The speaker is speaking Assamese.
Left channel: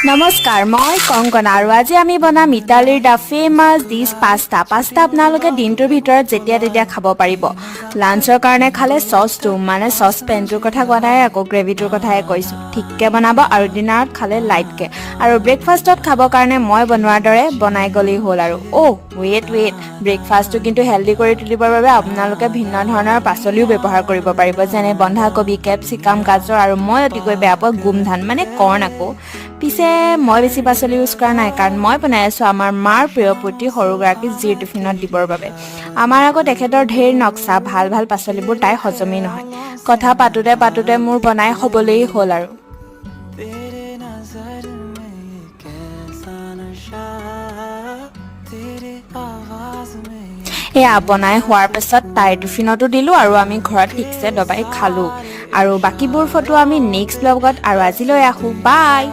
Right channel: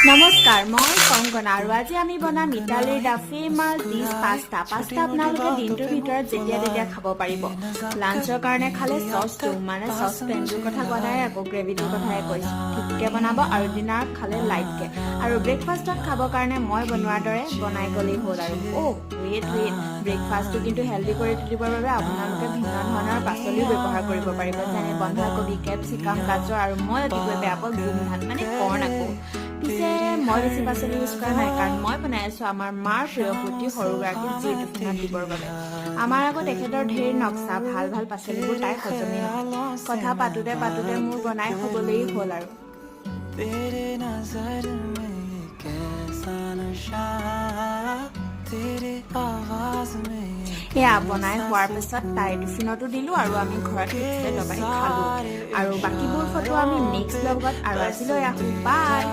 নমস্কাৰ মই কংকনা আৰু আজি আমি বনাম ইটালীৰ দা ফেমাছ ডিছ পাস্তা আপোনালোকে দিনটোৰ ভিতৰত যেতিয়া তেতিয়া খাব পাৰিব লাঞ্চৰ কাৰণে খালে চচটো মানে চচপেনটোৰ কথা কোৱা নাই আকৌ গ্ৰেভিটোৰ কথাই কৈছোঁ ঠিককৈ বনাব আৰু ডিনাৰত খালে লাইটকৈ আৰু ব্ৰেকফাষ্টত খাবৰ কাৰণে মই বনোৱাৰ দৰে বনাই গ'লেই হ'ল আৰু ৱেইট ব্ৰেকফাষ্টটো কিন্তু হেল্ডি কৰি তুলিবৰ বাবে আপোনালোকে ভিন্ন ধৰণৰ পাচলিও ব্যৱহাৰ কৰিব পাৰিব যেনে বন্ধাকবি কেপচিকাম গাজৰ আৰু মই অতিকৈ বেয়া পোৱা গোমধান মানে কৰ্ণ আকৌ পিছে মই বেছি পাচলি ইউজ কৰা নাই কাৰণ মই বনাই আছোঁ আমাৰ মাৰ প্ৰিয় পুতি সৰুগৰাকী জিৰ টিফিনত দিবৰ বাবে আমাৰ আকৌ তেখেতৰ ঢেৰ নক্সা ভাল পাচলিবোৰ তাই হজমেই নহয় কথা পাতোতে মোৰ বনাই হ'বলেই হ'ল আৰু এয়া বনাই হোৱাৰ পাছত তাইৰ টিফিনতো দিলোঁ আৰু আমি ঘৰত ঠিকছে দবাই খালোঁ আৰু বাকীবোৰ ফটো আমি নেক্সট ব্লগত আৰু আজিলৈ আহোঁ বাই